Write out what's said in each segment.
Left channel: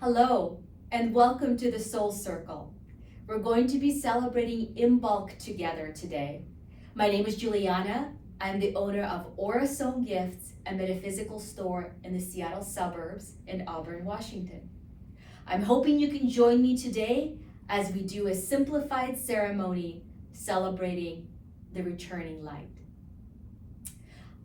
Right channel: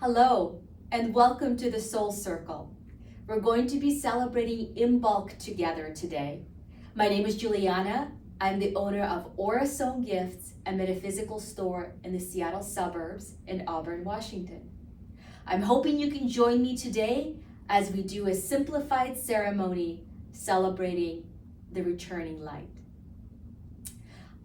Hello, and welcome to the Soul Circle. We're going to be celebrating Imbolc together today. My name is Juliana. I'm the owner of Aura Sewn Gifts, a metaphysical store in the Seattle suburbs in Auburn, Washington. I'm hoping you can join me today as we do a simplified ceremony celebrating the returning light.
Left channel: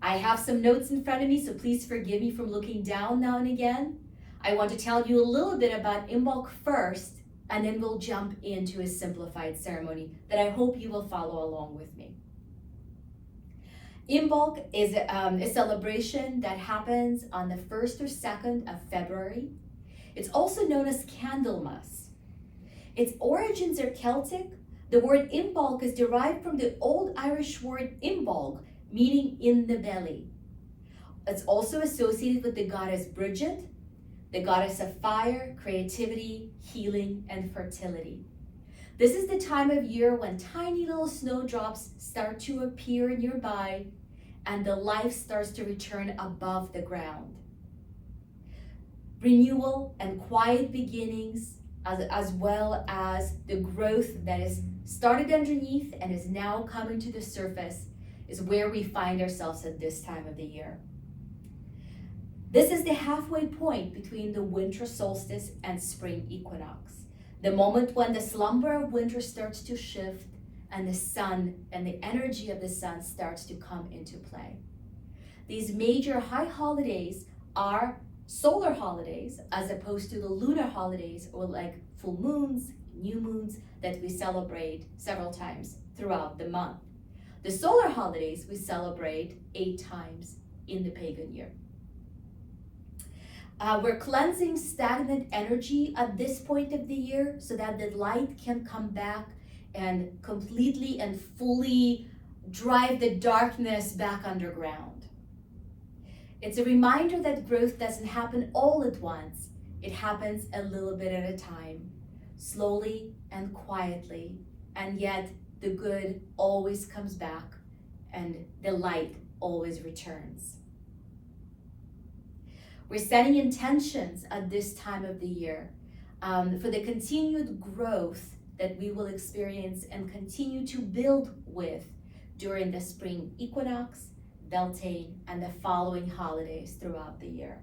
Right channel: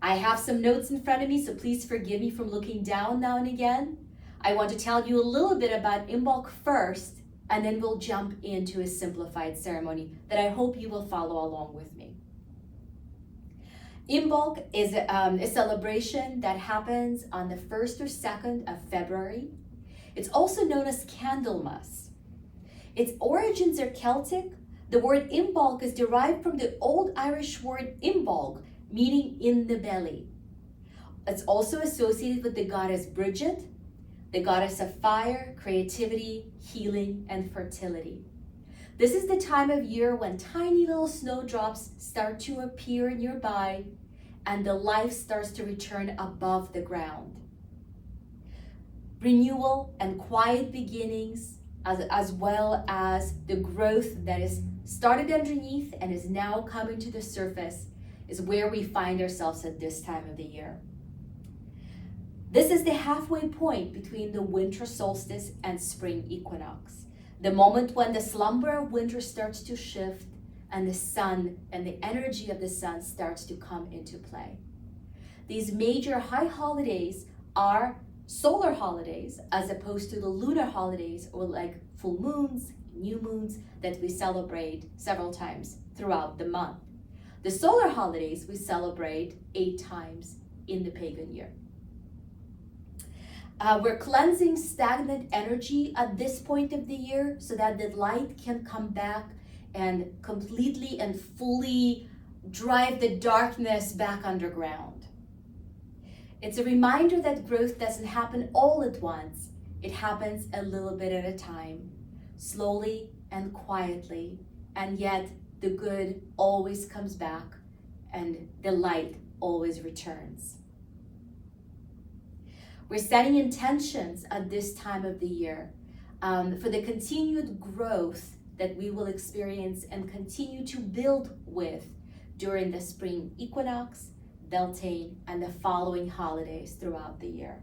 I have some notes in front of me, so please forgive me from looking down now and again. I want to tell you a little bit about Imbolc first, and then we'll jump into a simplified ceremony that I hope you will follow along with me. Imbolc is a celebration that happens on the 1st or 2nd of February. It's also known as Candlemas. Its origins are Celtic. The word Imbolc is derived from the Old Irish word imbolg, meaning in the belly. It's also associated with the goddess Bridget, the goddess of fire, creativity, healing, and fertility. This is the time of year when tiny little snowdrops start to appear nearby and the life starts to return above the ground. Renewal and quiet beginnings, as well as the growth that is started underneath and is now coming to the surface, is where we find ourselves at this time of the year. This is the halfway point between the winter solstice and spring equinox, the moment when the slumber of winter starts to shift and the sun and the energy of the sun starts to come into play. These major high holidays are solar holidays as opposed to the lunar holidays, or like full moons, new moons that we celebrate several times throughout the month. The solar holidays we celebrate 8 times in the pagan year. We're cleansing stagnant energy at this point of the year so that the light can come back and completely and fully drive the darkness back underground. It's a reminder that growth doesn't happen all at once. It happens a little bit at a time, slowly and quietly, and yet the good always comes back and the light always returns. We're setting intentions at this time of the year for the continued growth that we will experience and continue to build with during the spring equinox, Beltane, and the following holidays throughout the year.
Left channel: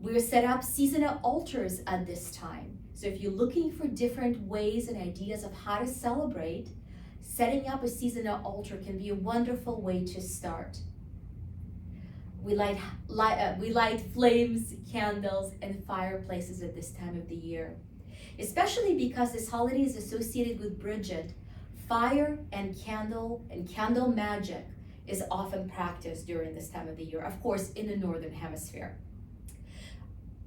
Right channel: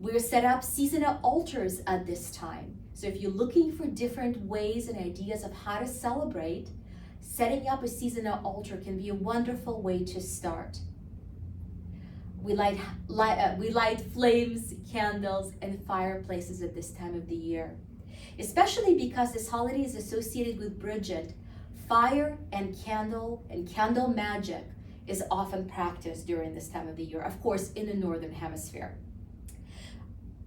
We're set up seasonal altars at this time. So if you're looking for different ways and ideas of how to celebrate, setting up a seasonal altar can be a wonderful way to start. We light flames, candles, and fireplaces at this time of the year. Especially because this holiday is associated with Bridget, fire and candle magic is often practiced during this time of the year, of course, in the Northern Hemisphere.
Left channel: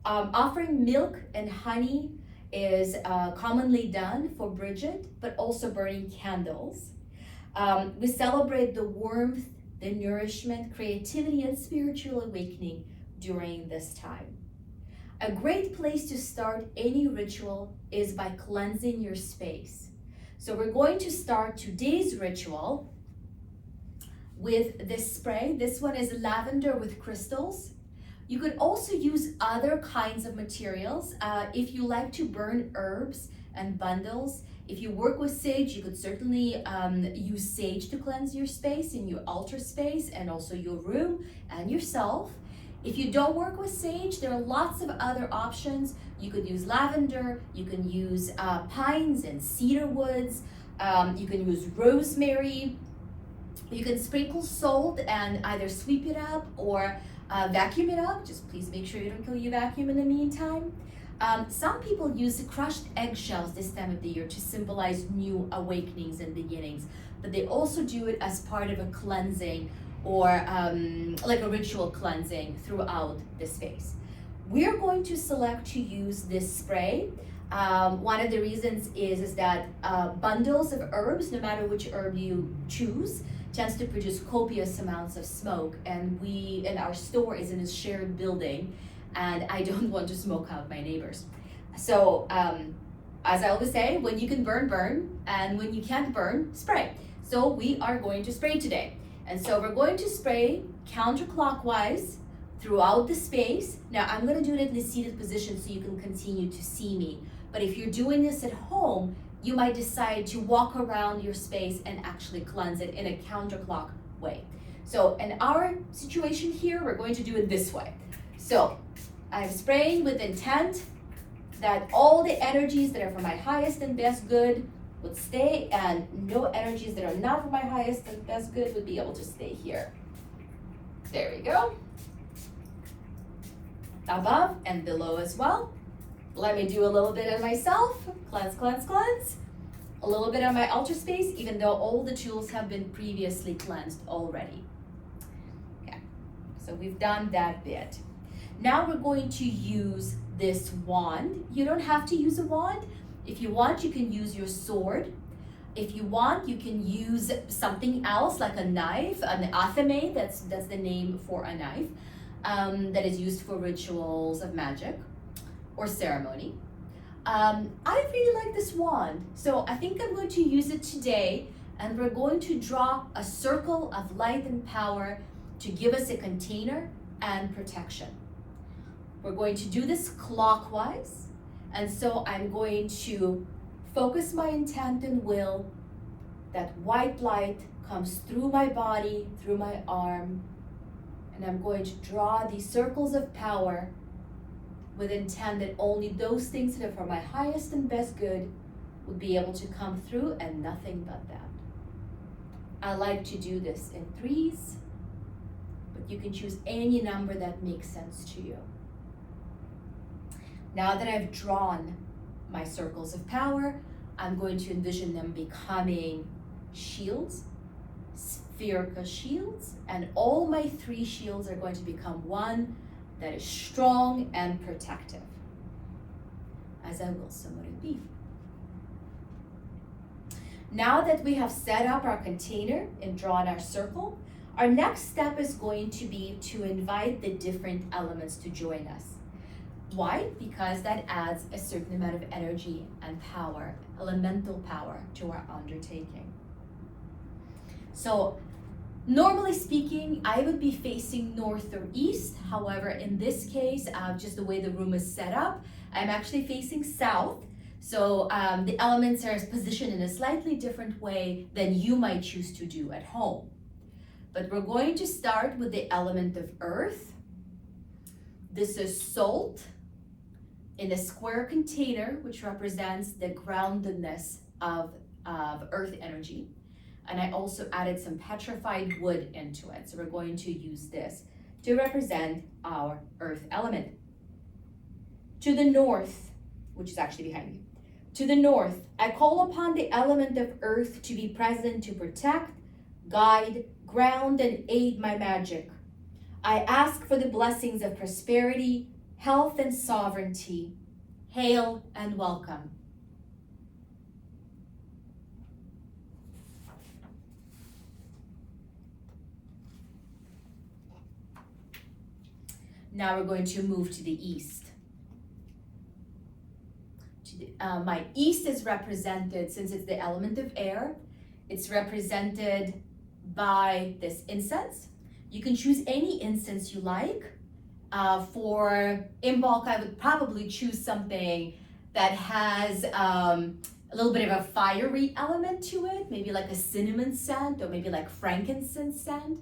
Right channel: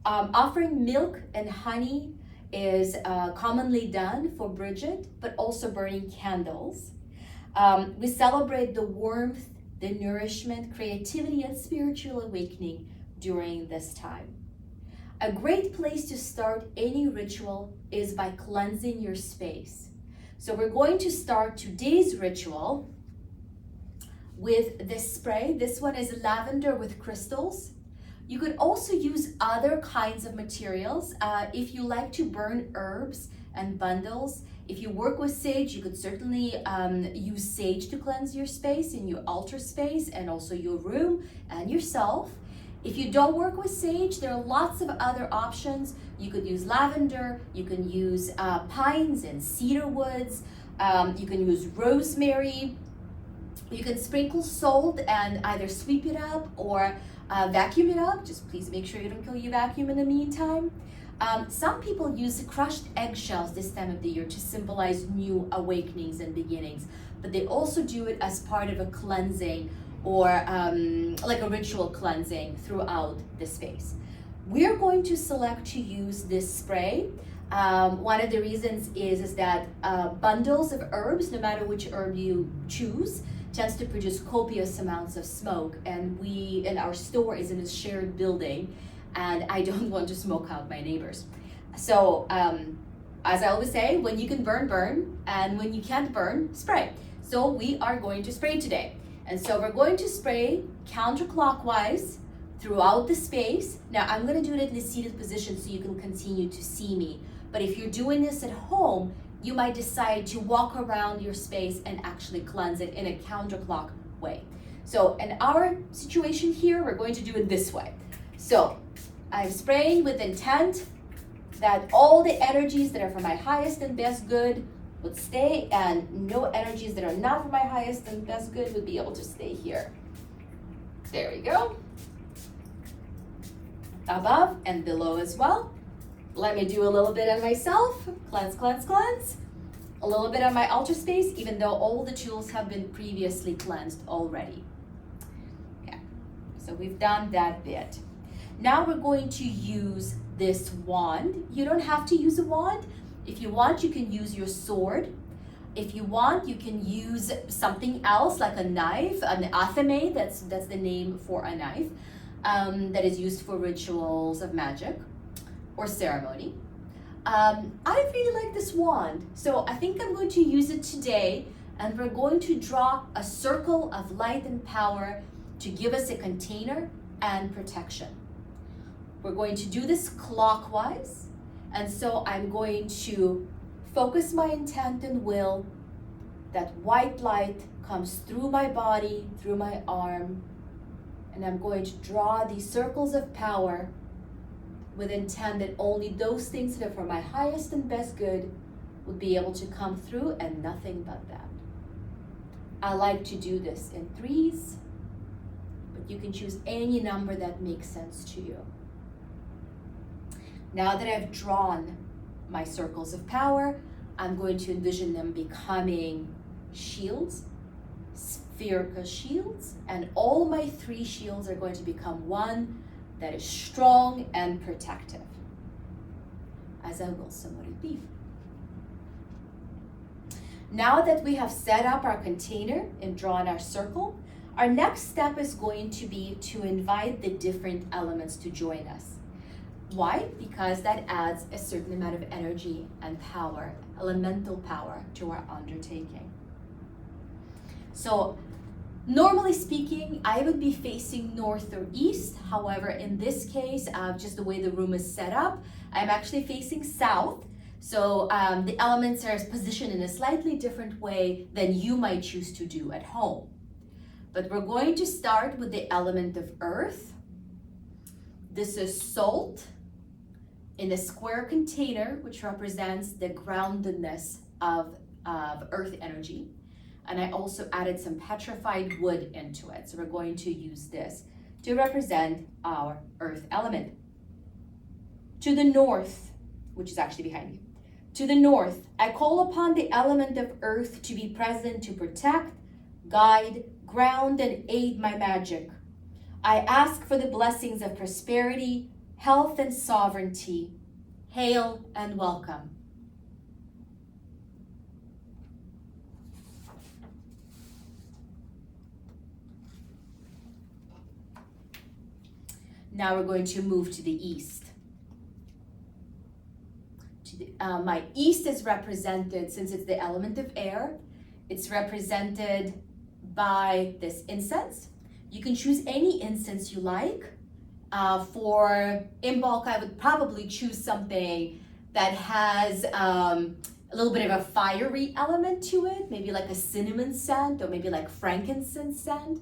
Offering milk and honey is commonly done for Bridget, but also burning candles. We celebrate the warmth, the nourishment, creativity, and spiritual awakening during this time. A great place to start any ritual is by cleansing your space. So we're going to start today's ritual with this spray. This one is lavender with crystals. You could also use other kinds of materials. If you like to burn herbs and bundles, if you work with sage, you could certainly use sage to cleanse your space in your altar space and also your room and yourself. If you don't work with sage, there are lots of other options. You could use lavender, you can use pines and cedar woods, you can use rosemary. You can sprinkle salt and either sweep it up or vacuum it up. Just please make sure you don't kill your vacuum in the meantime. Some people use crushed eggshells this time of the year to symbolize new awakenings and beginnings, but they also do it as part of a cleansing or like a ritual cleansing throughout the space. We're going to select to use this spray. One of the reasons is that bundles of herbs, no matter which herb you choose, tends to produce copious amounts of smoke, and our store is in a shared building, and I don't want to smoke out my neighbors. So as I always say, when you can burn, burn, and when you can't burn, spray. So we are going to spray today. And so we're going to spray counterclockwise throughout the space. Now I'm going to do it in the seated position so you can continue to see me. But if you're doing this at home, you might decide to walk around your space and actually cleanse it in a counterclock way. So in our situation here, we're going to do it this way. So I'm spraying with intent that all the energies that are for my highest and best good would stay, and no energies that are not for my highest and best good would be able to stay here. There we go. Above and below as well. Let me do a little bit on myself. Cleanse, cleanse, cleanse. A little bit on my altar space, even though all the tools have been previously cleansed already. Okay, so we've done that bit. Now we're going to use this wand. You don't have to use a wand. If you want, you can use your sword. If you want, you can use something else like a knife, an athame, that's the name for a knife, that is used for rituals of magic or ceremony. I really like this wand, so I think I'm going to use it today, and we're going to draw a circle of light and power to give us a container and protection. We're going to do this clockwise. And so I'm going to focus my intent and will that white light comes through my body, through my arm, and I'm going to draw these circles of power with intent that only those things that are for my highest and best good would be able to come through, and nothing but that. I like to do this in threes, but you can choose any number that makes sense to you. Now that I've drawn my circles of power, I'm going to envision them becoming shields, spherical shields, and all my 3 shields are going to become one that is strong and protective, as I will somewhat be. Now that we have set up our container and drawn our circle, our next step is going to be to invite the different elements to join us. Why? Because that adds a certain amount of energy and power, elemental power, to our undertaking. So normally speaking, I would be facing north or east. However, in this case, just the way the room is set up, I'm actually facing south. So the elements are positioned in a slightly different way than you might choose to do at home. But we're going to start with the element of earth. This is salt in a square container, which represents the groundedness of earth energy. And I also added some petrified wood into it. So we're going to use this to represent our earth element. To the north, which is actually behind me, to the north, I call upon the element of earth to be present to protect, guide, ground, and aid my magic. I ask for the blessings of prosperity, health, and sovereignty. Hail and welcome. Now we're going to move to the east. My east is represented, since it's the element of air, it's represented by this incense. You can choose any incense you like. For Imbolc, I would probably choose something that has a little bit of a fiery element to it, maybe like a cinnamon scent or maybe like frankincense scent.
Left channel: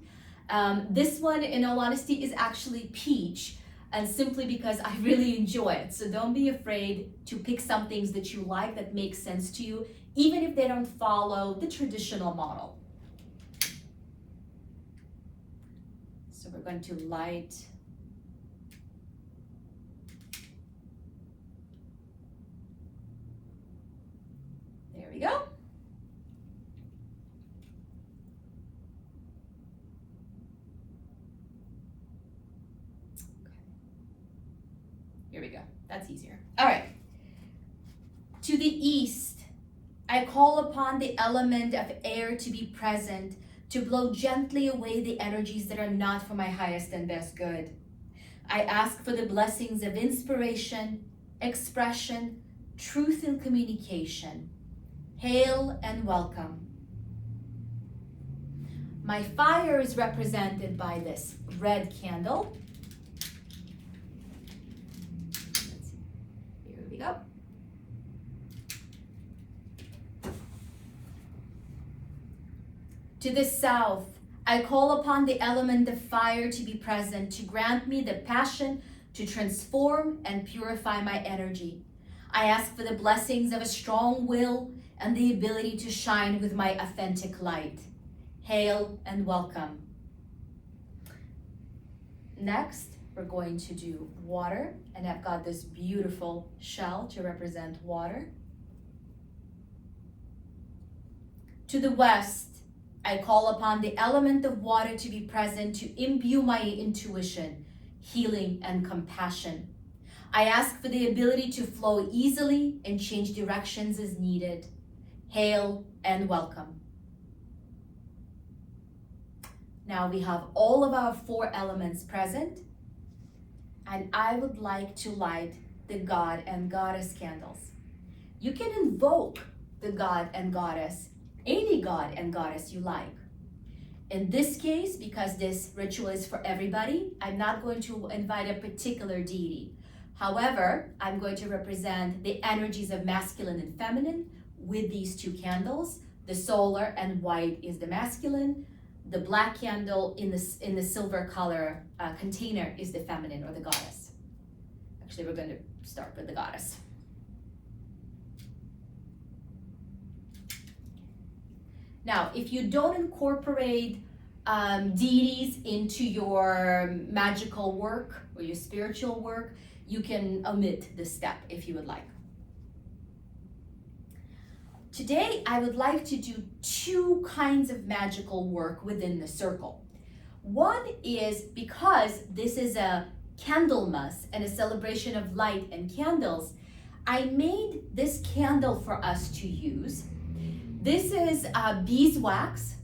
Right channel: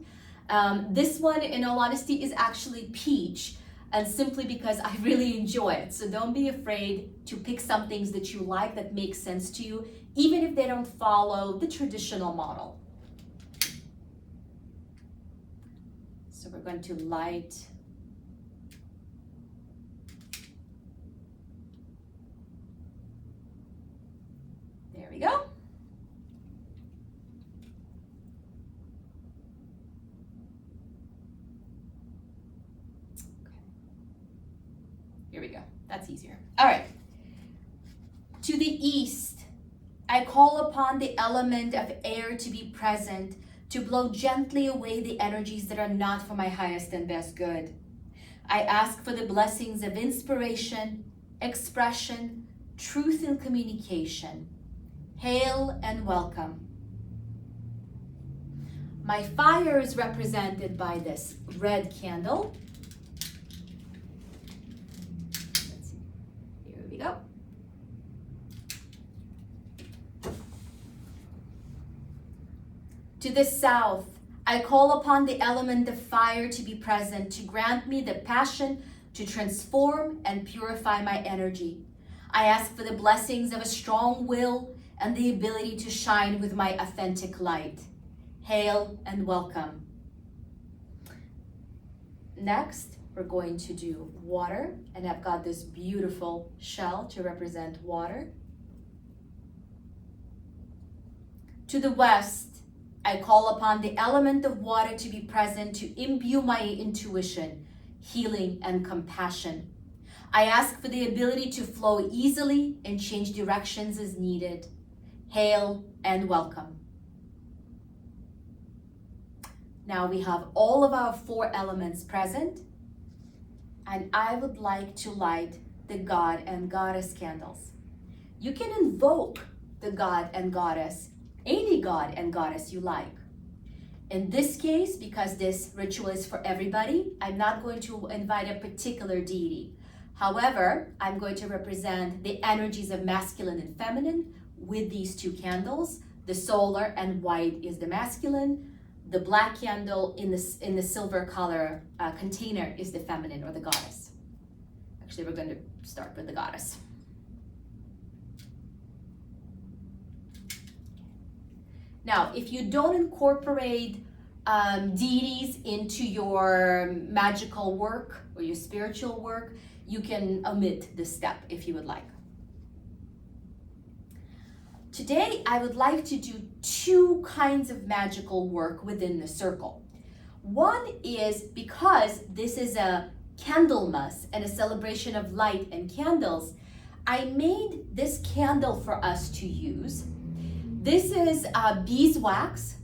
This one, in all honesty, is actually peach, and simply because I really enjoy it. So don't be afraid to pick some things that you like that make sense to you, even if they don't follow the traditional model. So we're going to light there we go. Here we go. That's easier. All right. To the east, I call upon the element of air to be present, to blow gently away the energies that are not for my highest and best good. I ask for the blessings of inspiration, expression, truth, and communication. Hail and welcome. My fire is represented by this red candle. go. To the south, I call upon the element of fire to be present, to grant me the passion to transform and purify my energy. I ask for the blessings of a strong will and the ability to shine with my authentic light. Hail and welcome. Next, we're going to do water, and I've got this beautiful shell to represent water. To the west, I call upon the element of water to be present to imbue my intuition, healing, and compassion. I ask for the ability to flow easily and change directions as needed. Hail and welcome. Now we have all of our 4 elements present, and I would like to light the God and Goddess candles. You can invoke the God and Goddess, any God and Goddess you like. In this case, because this ritual is for everybody, I'm not going to invite a particular deity. However, I'm going to represent the energies of masculine and feminine with these 2 candles. The solar and white is the masculine. The black candle in the silver color container is the feminine or the goddess. Actually, we're going to start with the goddess. Now, if you don't incorporate deities into your magical work or your spiritual work, you can omit this step if you would like. Today, I would like to do 2 kinds of magical work within the circle. One is, because this is a Candlemas and a celebration of light and candles, I made this candle for us to use. This is beeswax.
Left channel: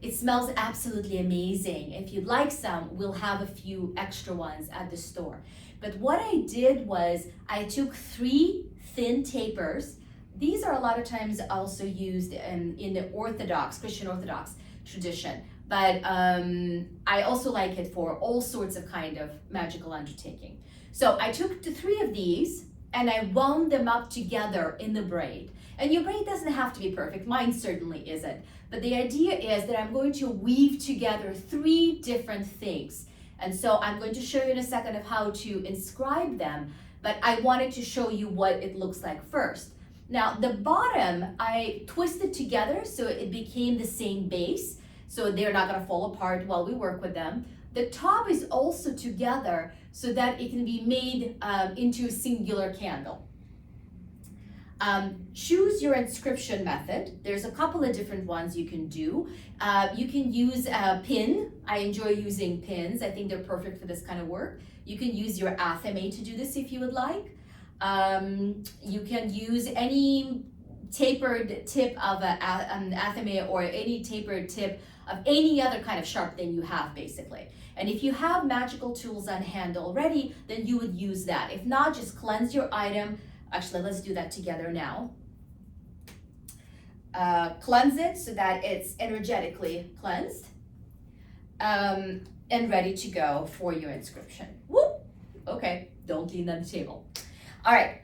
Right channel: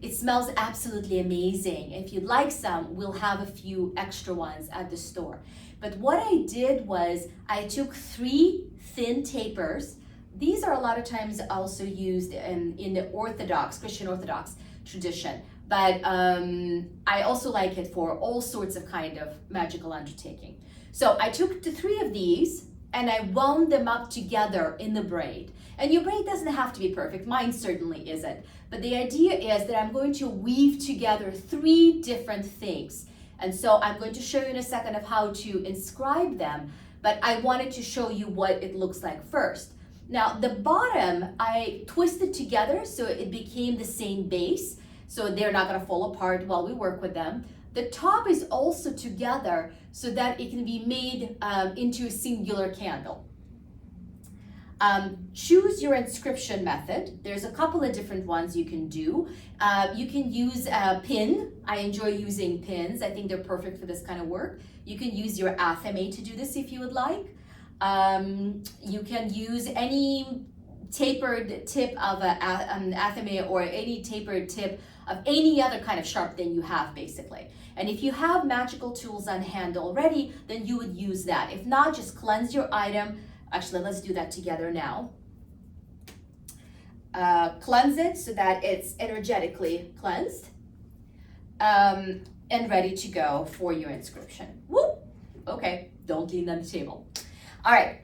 It smells absolutely amazing. If you'd like some, we'll have a few extra ones at the store. But what I did was I took 3 thin tapers. These are a lot of times also used in the Orthodox, Christian Orthodox tradition. But I also like it for all sorts of kind of magical undertaking. So I took the 3 of these and I wound them up together in the braid. And your braid doesn't have to be perfect. Mine certainly isn't. But the idea is that I'm going to weave together 3 different things. And so I'm going to show you in a second of how to inscribe them. But I wanted to show you what it looks like first. Now, the bottom, I twisted together so it became the same base, so they're not gonna fall apart while we work with them. The top is also together so that it can be made into a singular candle. Choose your inscription method. There's a couple of different ones you can do. You can use a pin. I enjoy using pins. I think they're perfect for this kind of work. You can use your athame to do this if you would like. You can use any tapered tip of an athame or any tapered tip of any other kind of sharp thing you have, basically. And if you have magical tools on hand already, then you would use that. If not, just cleanse your item. Actually, let's do that together now. Cleanse it so that it's energetically cleansed and ready to go for your inscription. Woo! Okay, don't lean on the table. All right,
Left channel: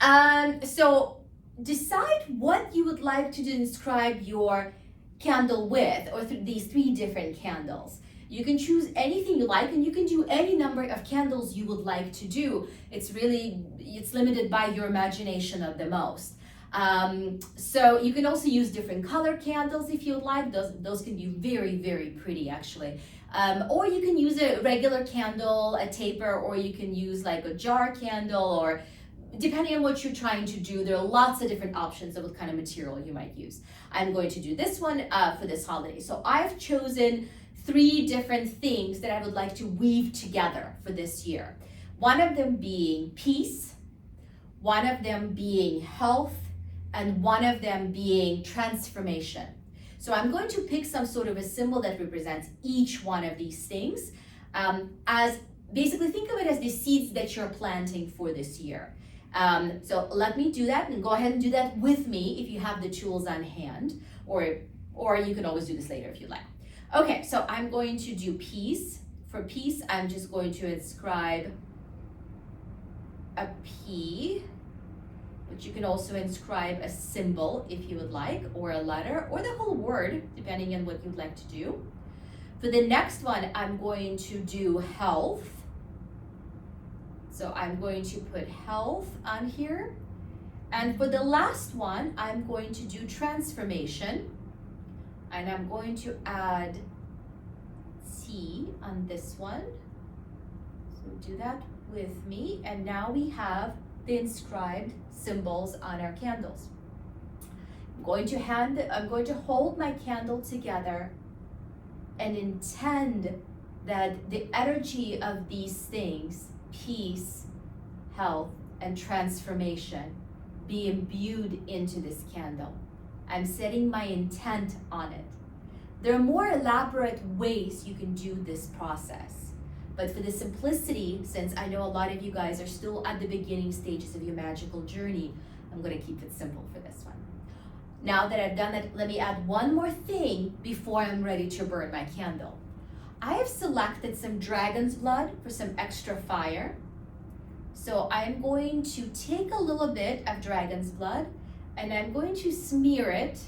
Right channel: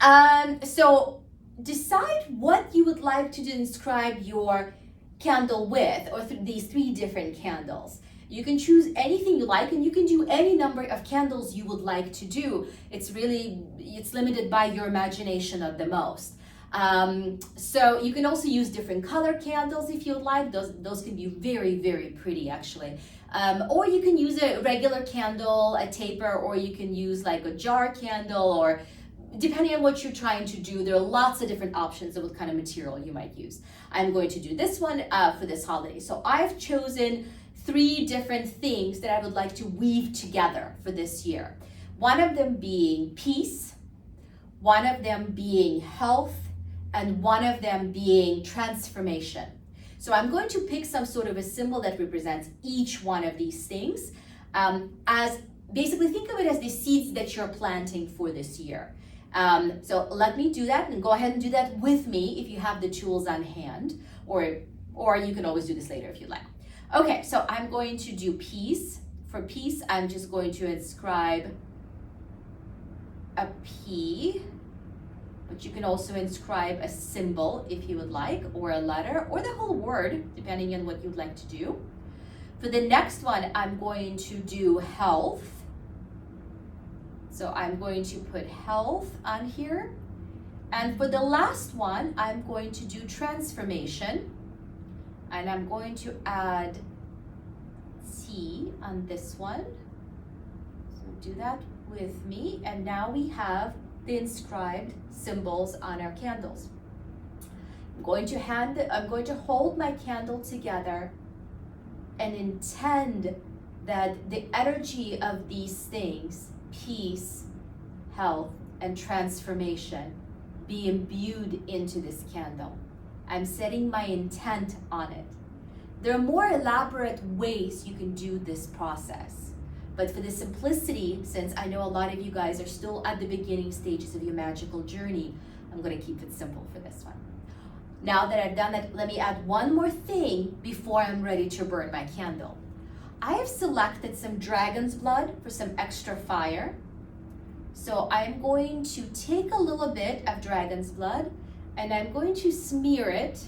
so decide what you would like to inscribe your candle with, or these 3 different candles. You can choose anything you like, and you can do any number of candles you would like to do. It's limited by your imagination of the most. So you can also use different color candles if you would like. Those can be very, very pretty, actually. Or you can use a regular candle, a taper, or you can use like a jar candle, or depending on what you're trying to do, there are lots of different options of what kind of material you might use. I'm going to do this one for this holiday. So I've chosen 3 different things that I would like to weave together for this year. One of them being peace, one of them being health, and one of them being transformation. So I'm going to pick some sort of a symbol that represents each one of these things. As basically, think of it as the seeds that you're planting for this year. So let me do that, and go ahead and do that with me if you have the tools on hand, or you can always do this later if you like. Okay, so I'm going to do peace. For peace, I'm just going to inscribe a P, but you can also inscribe a symbol if you would like, or a letter, or the whole word, depending on what you'd like to do. For the next one, I'm going to do health. So I'm going to put health on here. And for the last one, I'm going to do transformation. And I'm going to add T on this one. So do that with me. And now we have the inscribed symbols on our candles. I'm going to hold my candle together and intend that the energy of these things, peace, health, and transformation, be imbued into this candle. I'm setting my intent on it. There are more elaborate ways you can do this process, but for the simplicity, since I know a lot of you guys are still at the beginning stages of your magical journey, I'm going to keep it simple for this one. Now that I've done that, let me add one more thing before I'm ready to burn my candle. I have selected some dragon's blood for some extra fire. So I'm going to take a little bit of dragon's blood and I'm going to smear it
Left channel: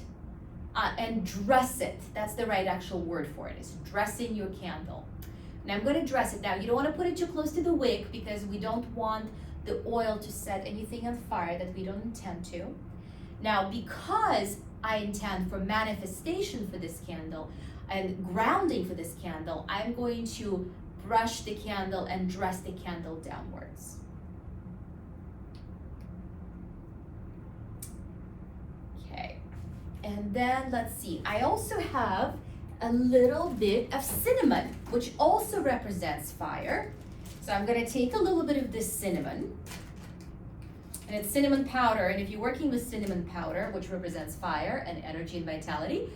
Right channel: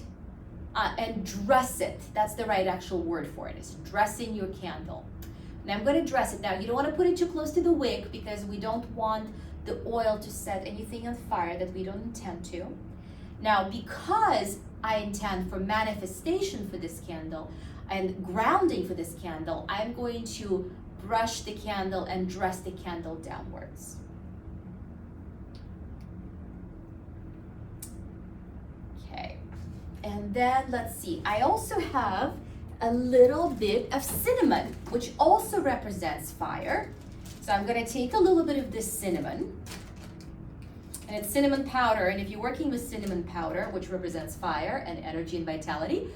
and dress it. That's the right actual word for it, is dressing your candle. And I'm going to dress it. Now, you don't want to put it too close to the wick because we don't want the oil to set anything on fire that we don't intend to. Now, because I intend for manifestation for this candle and grounding for this candle, I'm going to brush the candle and dress the candle downwards. Okay, and then let's see, I also have a little bit of cinnamon, which also represents fire. So I'm going to take a little bit of this cinnamon, and it's cinnamon powder, and if you're working with cinnamon powder, which represents fire and energy and vitality,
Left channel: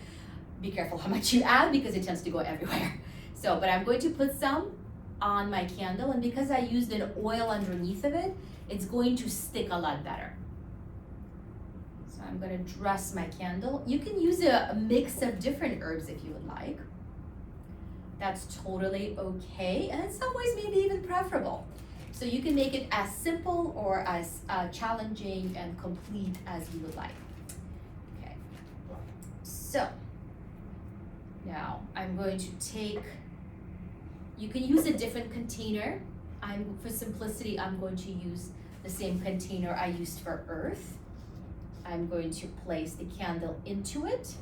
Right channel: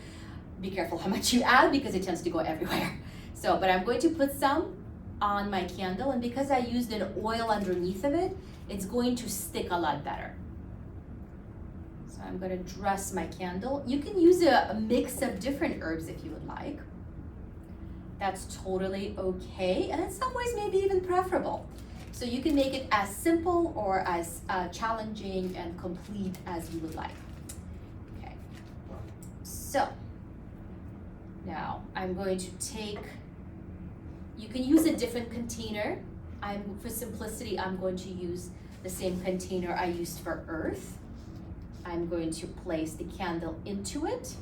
be careful how much you add because it tends to go everywhere. So, but I'm going to put some on my candle, and because I used an oil underneath of it, it's going to stick a lot better. So I'm going to dress my candle. You can use a mix of different herbs if you would like. That's totally okay, and in some ways maybe even preferable. So you can make it as simple or as challenging and complete as you would like. Okay, so now I'm going to take, you can use a different container. For simplicity, I'm going to use the same container I used for earth. I'm going to place the candle into it.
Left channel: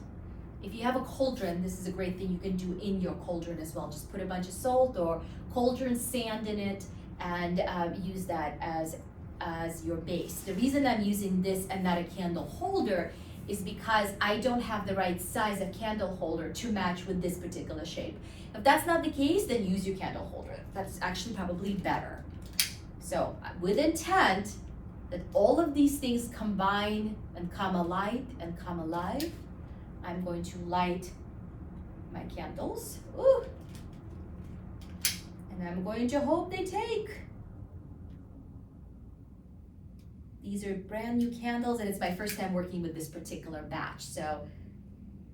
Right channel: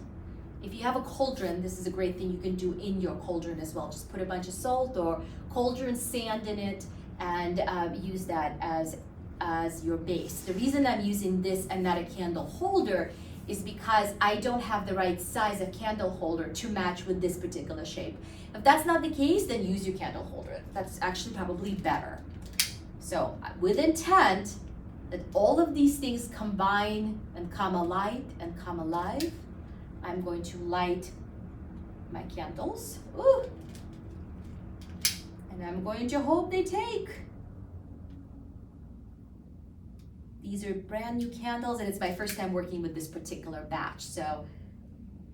If you have a cauldron, this is a great thing you can do in your cauldron as well. Just put a bunch of salt or cauldron sand in it and use that as your base. The reason I'm using this and not a candle holder is because I don't have the right size of candle holder to match with this particular shape. If that's not the case, then use your candle holder. That's actually probably better. So with intent that all of these things combine and come alight and come alive, I'm going to light my candles. Ooh. And I'm going to hope they take. These are brand new candles, and it's my first time working with this particular batch, so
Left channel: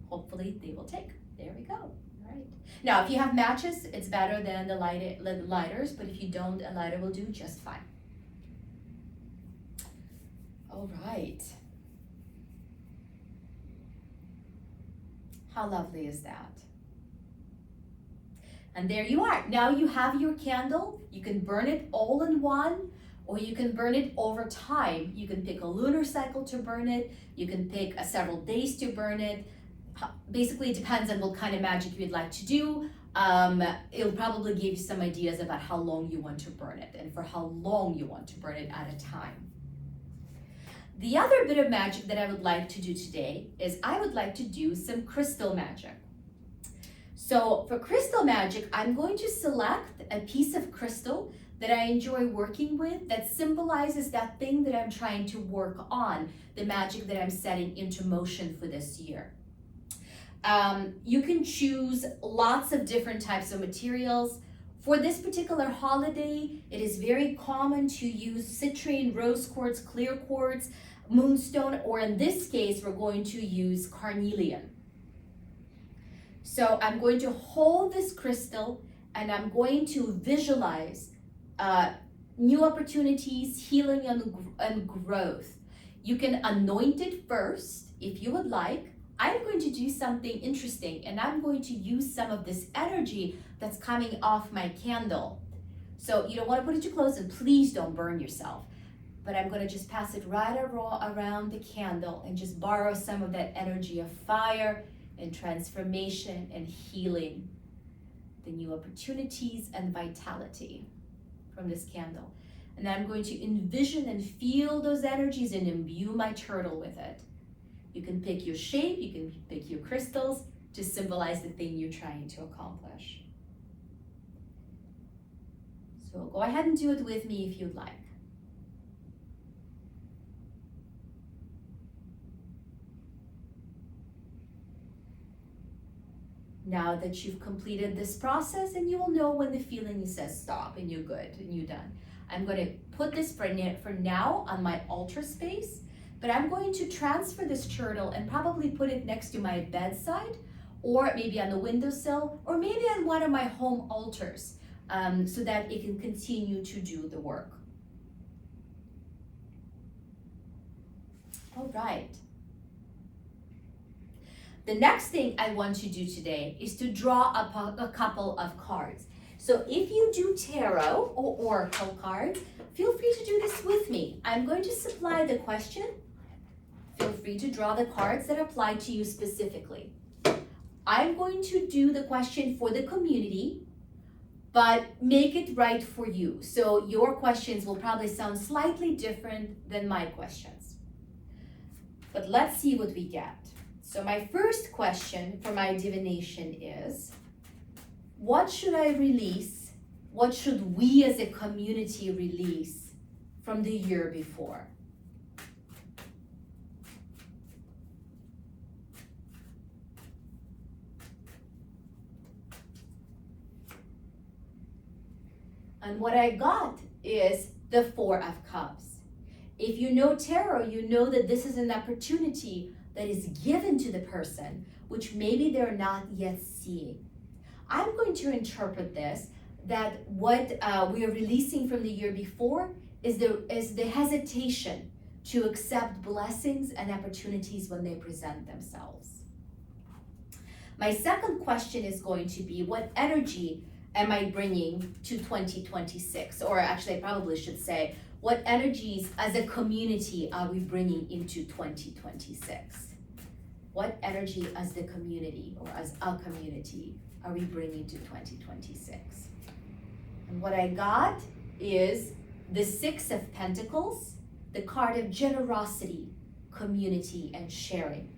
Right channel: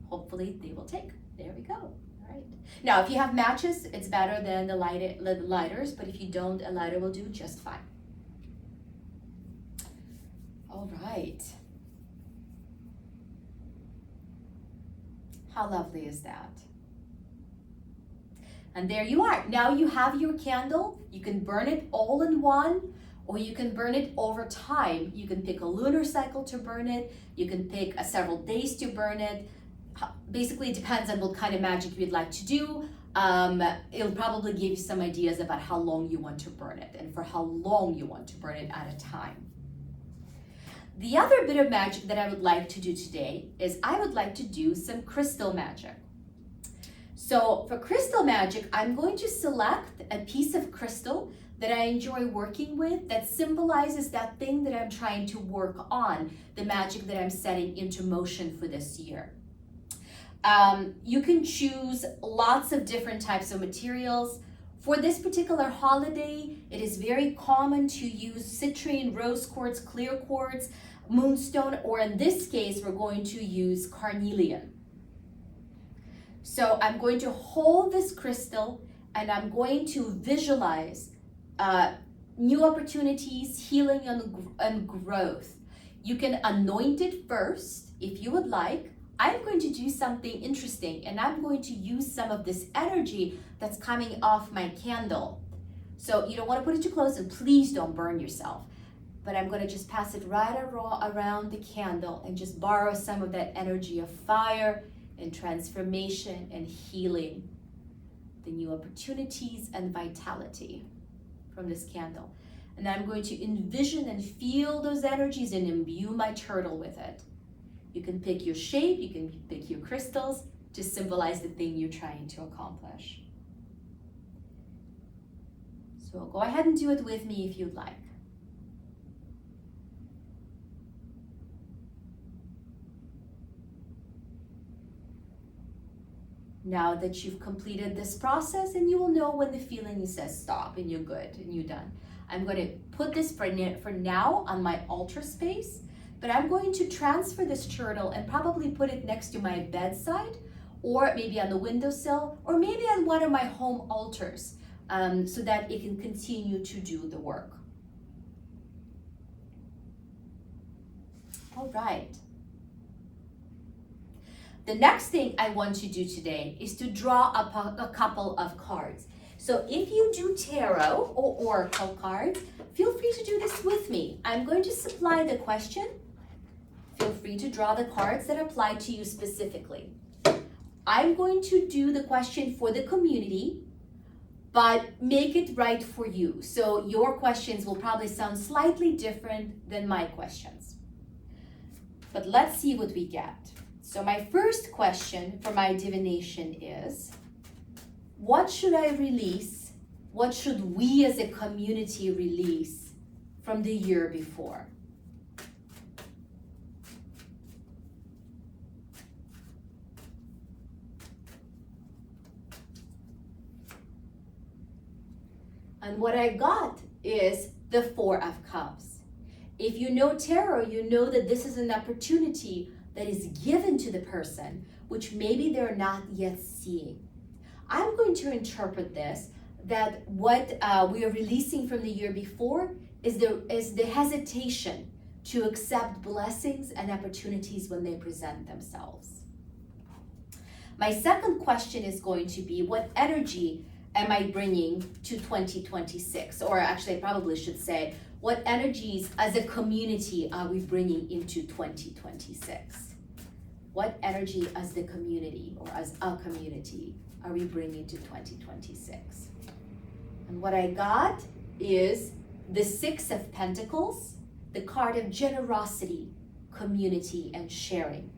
hopefully they will take. There we go. All right. Now, if you have matches, it's better than the lighters, but if you don't, a lighter will do just fine. All right. How lovely is that? And there you are. Now you have your candle. You can burn it all in one, or you can burn it over time. You can pick a lunar cycle to burn it. You can pick several days to burn it. Basically, it depends on what kind of magic you'd like to do. It'll probably give you some ideas about how long you want to burn it and for how long you want to burn it at a time. The other bit of magic that I would like to do today is I would like to do some crystal magic. So for crystal magic, I'm going to select a piece of crystal that I enjoy working with that symbolizes that thing that I'm trying to work on, the magic that I'm setting into motion for this year. You can choose lots of different types of materials. For this particular holiday, it is very common to use citrine, rose quartz, clear quartz, moonstone, or in this case, we're going to use carnelian. So I'm going to hold this crystal and I'm going to visualize new opportunities, healing, and growth. You can anoint it first if you would like. I'm going to do something interesting, and I'm going to use some of this energy that's coming off my candle. So you don't want to put it too close, and please don't burn yourself. But I'm going to just pass it right around the candle and just borrow some of that energy of fire and transformation and healing, the new opportunities and vitality from this candle. And I'm going to envision and feel those energies and imbue my turtle with it. You can pick your shape, you can pick your crystals to symbolize the thing you're trying to accomplish. So go ahead and do it with me if you'd like. Now that you've completed this process, and you will know when the feeling says stop and you're good and you're done. I'm going to put this for now on my altar space, but I'm going to transfer this turtle and probably put it next to my bedside, or maybe on the windowsill, or maybe on one of my home altars, so that it can continue to do the work. All right. The next thing I want to do today is to draw a couple of cards. So if you do tarot or oracle cards, feel free to do this with me. I'm going to supply the question. Feel free to draw the cards that apply to you specifically. I'm going to do the question for the community, but make it right for you. So your questions will probably sound slightly different than my questions. But let's see what we get. So my first question for my divination is, what should I release? What should we as a community release from the year before? And what I got is the Four of Cups. If you know tarot, you know that this is an opportunity that is given to the person, which maybe they're not yet seeing. I'm going to interpret this that what we are releasing from the year before is the hesitation to accept blessings and opportunities when they present themselves. My second question is going to be, what energy am I bringing to 2026? Or actually, I probably should say, what energies as a community are we bringing into 2026? What energy as the community or as a community are we bringing to 2026? And what I got is the Six of Pentacles, the card of generosity, community, and sharing.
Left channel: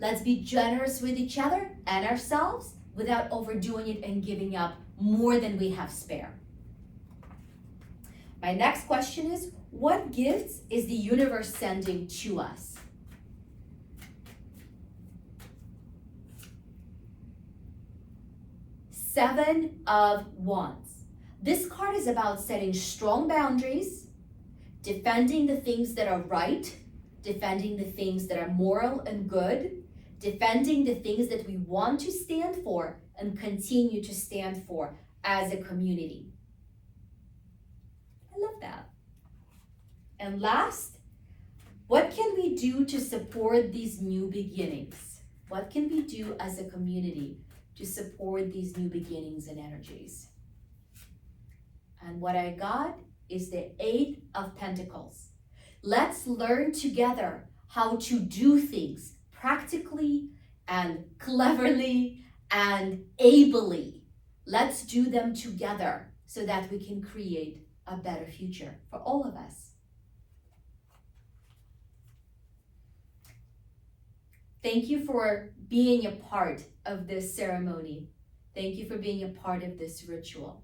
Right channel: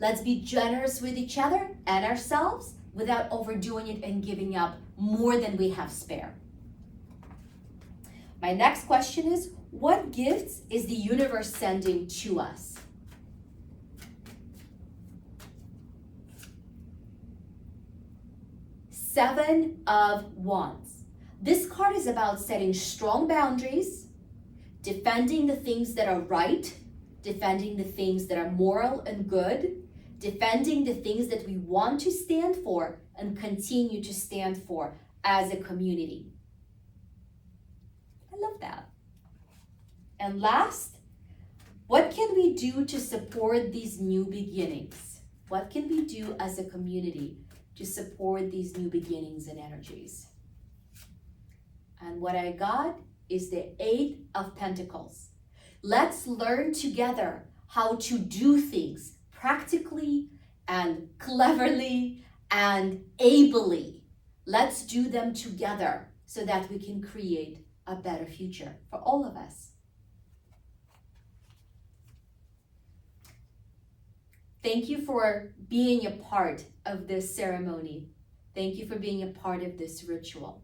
Let's be generous with each other and ourselves without overdoing it and giving up more than we have spare. My next question is, what gifts is the universe sending to us? Seven of Wands. This card is about setting strong boundaries, defending the things that are right, defending the things that are moral and good, defending the things that we want to stand for and continue to stand for as a community. I love that. And last, what can we do to support these new beginnings? What can we do as a community to support these new beginnings and energies? And what I got is the Eight of Pentacles. Let's learn together how to do things practically and cleverly and ably. Let's do them together so that we can create a better future for all of us. Thank you for being a part of this ceremony. Thank you for being a part of this ritual.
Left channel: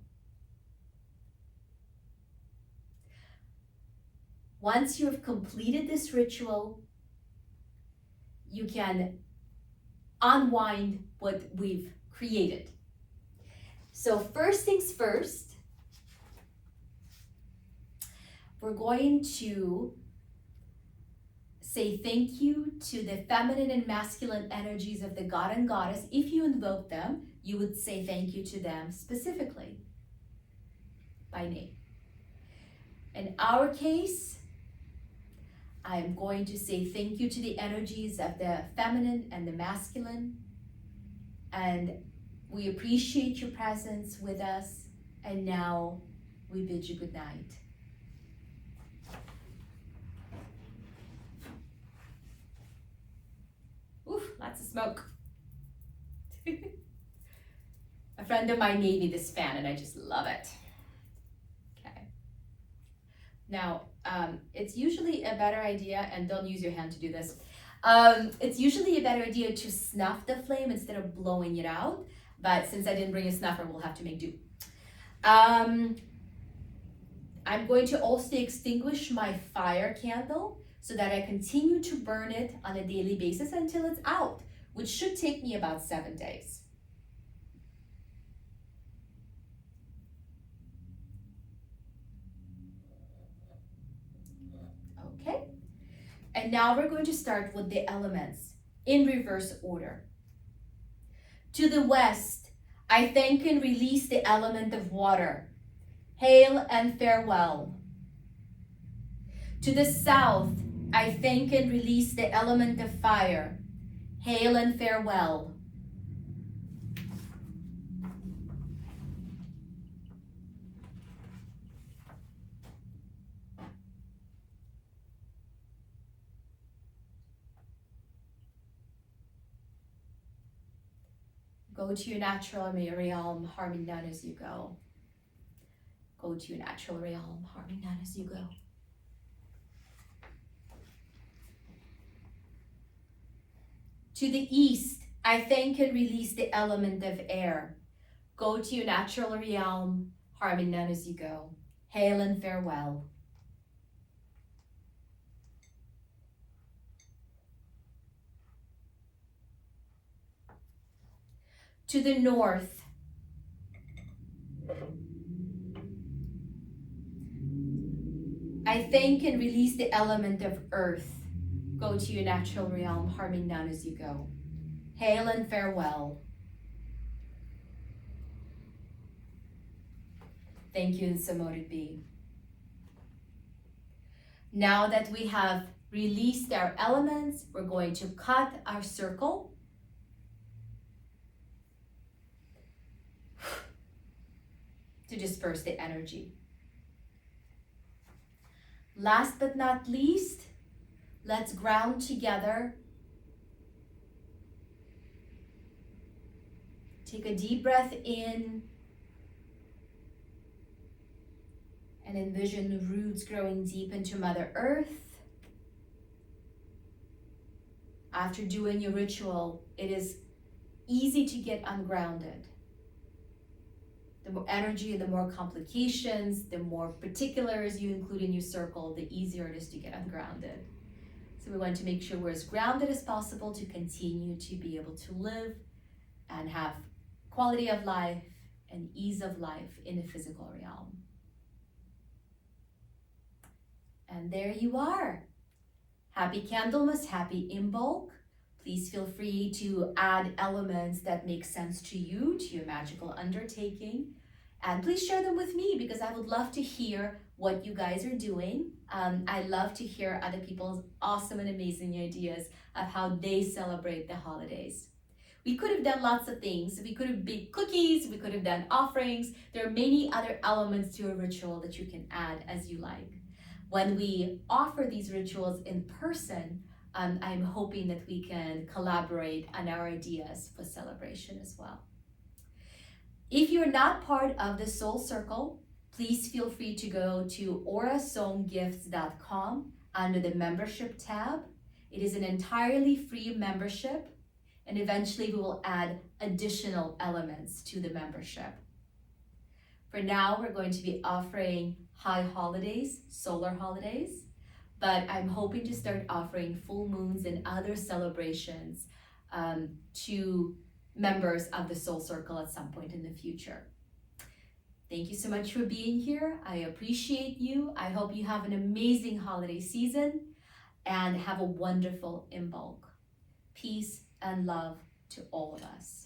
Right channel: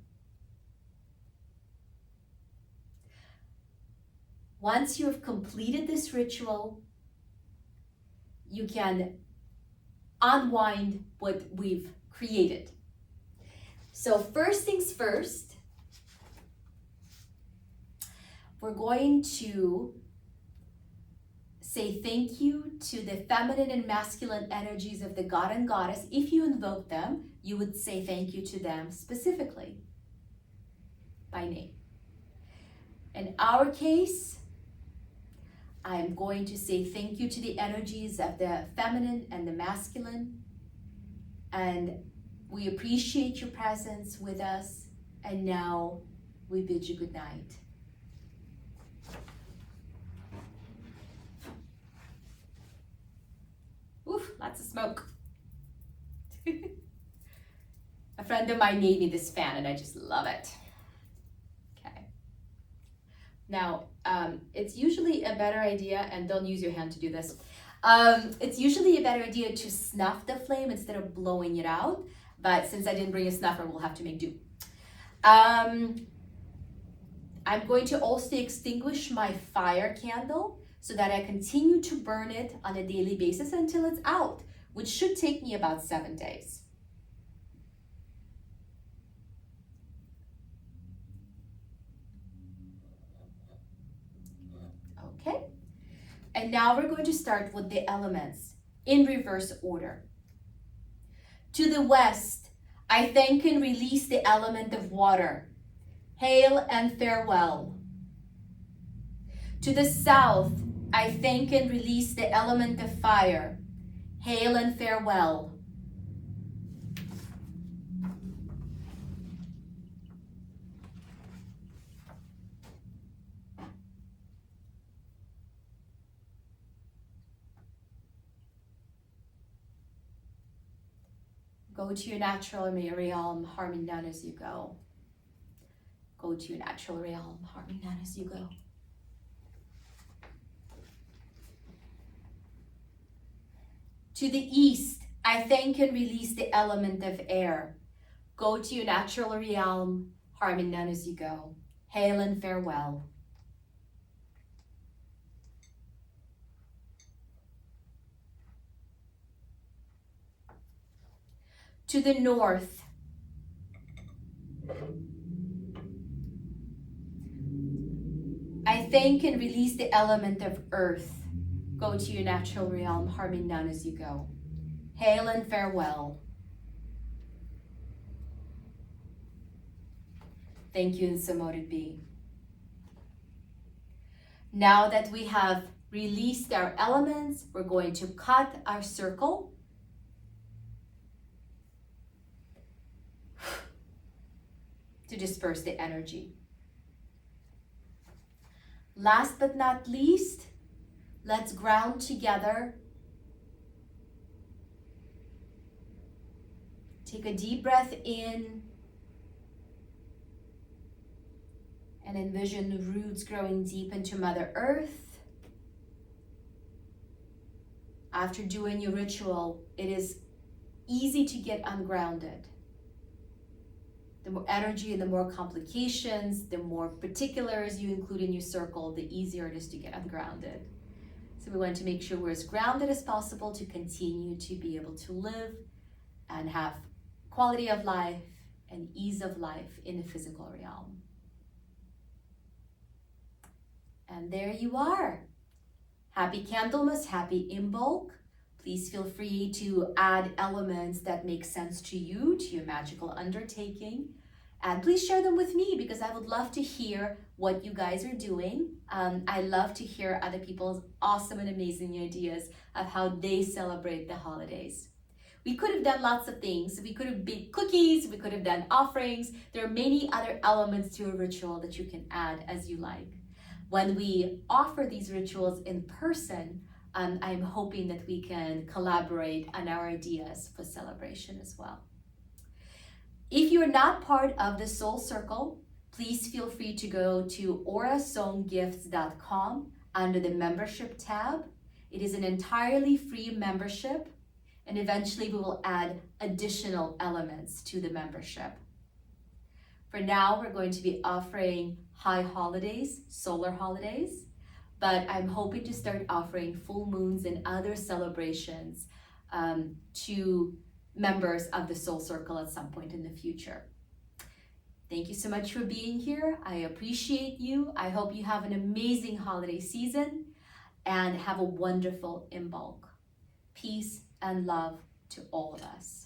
Once you have completed this ritual, you can unwind what we've created. So first things first, we're going to say thank you to the feminine and masculine energies of the god and goddess. If you invoke them, you would say thank you to them specifically by name. In our case, I'm going to say thank you to the energies of the feminine and the masculine. And we appreciate your presence with us. And now we bid you good night. Oof, lots of smoke. A friend of mine made me this fan and I just love it. Okay. Now, it's usually a better idea, and don't use your hand to do this. It's usually a better idea to snuff the flame instead of blowing it out. But since I didn't bring a snuffer, we'll have to make do. I'm going to also extinguish my fire candle so that I continue to burn it on a daily basis until it's out, which should take me about 7 days. Okay, and now we're going to start with the elements in reverse order. To the west, I thank and release the element of water. Hail and farewell. To the south, I thank and release the element of fire. Hail and farewell. Go to your natural realm, harming down as you go. Go to your natural realm, harming down as you go. To the east, I thank and release the element of air. Go to your natural realm, harming down as you go. Hail and farewell. To the north, I thank and release the element of earth. Go to your natural realm, harming down as you go. Hail and farewell. Thank you, and so mote it be. Now that we have released our elements, we're going to cut our circle. To disperse the energy. Last but not least, let's ground together. Take a deep breath in and envision the roots growing deep into Mother Earth. After doing your ritual, it is easy to get ungrounded. The more energy and the more complications, the more particulars you include in your circle, the easier it is to get ungrounded. So we want to make sure we're as grounded as possible to continue to be able to live and have quality of life and ease of life in the physical realm. And there you are. Happy Candlemas, happy Imbolc. Please feel free to add elements that make sense to you, to your magical undertaking. And please share them with me because I would love to hear what you guys are doing. I love to hear other people's awesome and amazing ideas of how they celebrate the holidays. We could have done lots of things. We could have baked cookies, we could have done offerings. There are many other elements to a ritual that you can add as you like. When we offer these rituals in person, I'm hoping that we can collaborate on our ideas for celebration as well. If you're not part of the Soul Circle, please feel free to go to aurasongifts.com under the membership tab. It is an entirely free membership, and eventually we will add additional elements to the membership. For now, we're going to be offering high holidays, solar holidays, but I'm hoping to start offering full moons and other celebrations to members of the Soul Circle at some point in the future. Thank you so much for being here. I appreciate you. I hope you have an amazing holiday season and have a wonderful Imbolc. Peace and love to all of us.